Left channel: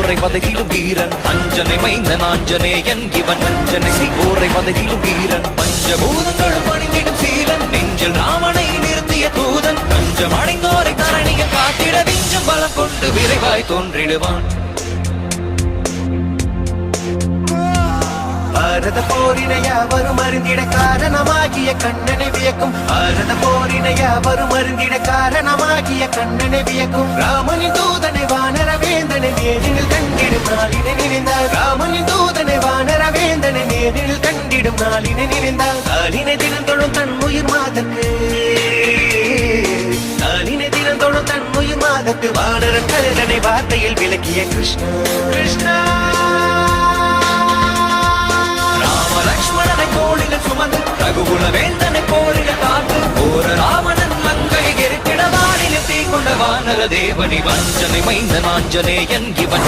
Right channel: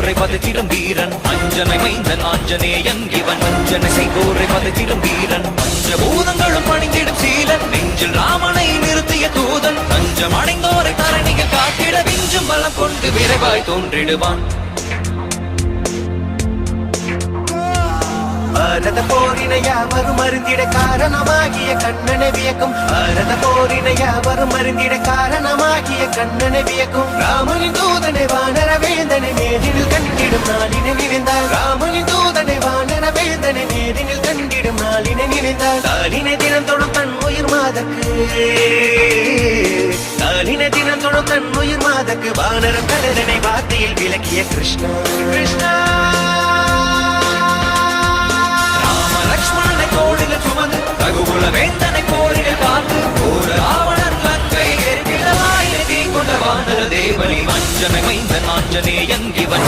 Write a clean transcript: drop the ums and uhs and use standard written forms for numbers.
சீக்கோரை பதத்திலும் வீரன் அஞ்சனை வைந்த நாஞ்சனேயன் இவன் அஞ்சனை சீக்கோரை பதத்திலும் வீரன் பஞ்சபூதங்களும் அணிந்திடும் சீலன் நெஞ்சில் ராமனை நிறுத்திய தூதன் பஞ்சம் அடைந்தோரை கரணியை காத்திட விஞ்சு பலம் கொண்டு விரைவாய் தோன்றிடுவான் பாரத போரினை யாவரும் அருந்திட காரணமாகிய கண்ணனை வியக்கும் பாரத போரினை யாவரும் அருந்திட காரணமாகிய கண்ணனை வியக்கும் ராமனின் தூதனை வானர வேந்தனை நேரில் கண்டிடும் நாளினை நினைந்தார் ராமனின் தூதனை வானர வேந்தனை நேரில் கண்டிடும் நாளினை நினைந்தார் காலினை தினம் தொடும் தன் உயிர் மாதக்கு காலினை தினம் தொடும் தன் உயிர் மாதக்கு வானர பேரனை வார்த்தையில் விளக்கிய கிருஷ்ணா கிருஷ்ணா லட்சுமணனை தோளில சுமந்து ரகுகுல வேந்தனை போரிட பார்த்து ஒரு ராவணன் மங்கை ஏற்கிட நாளிலே தீ கொண்ட வானர தேவனி மஞ்சனை வைந்த நாஞ்சனேயன் இவன்